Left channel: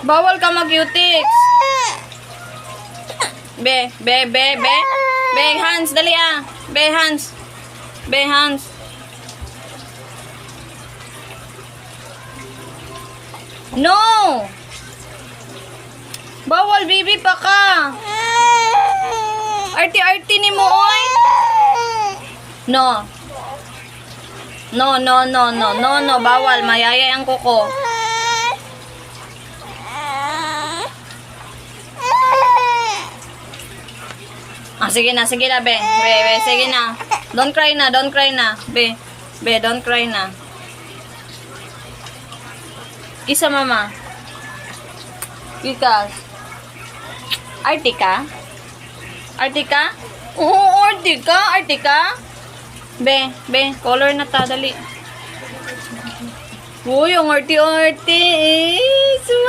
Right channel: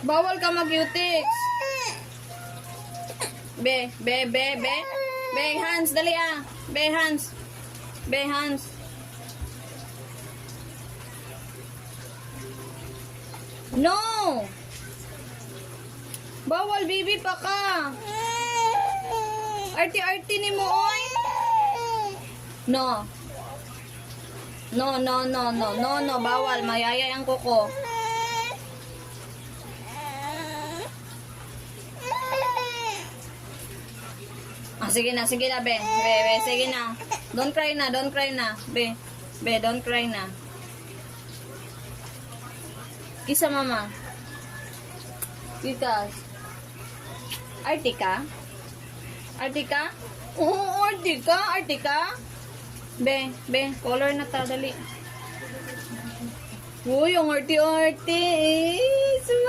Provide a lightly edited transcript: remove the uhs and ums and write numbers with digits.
Bawal ka mag-cutics. Be. Be, hands, dali ah. Be, hands. Be, hands. No! Bawal, baby pa ka. Arti-arti ni mo, oy. No. No, bawal. Mayayay ang kuko. Sige na, be. Be, sige na. Don't cry na. Be, don't cry na. Kisa mama. Kikas. Artika? Oo, Artika. Be, color na ta, dali. Uy, ang arti-arti eh.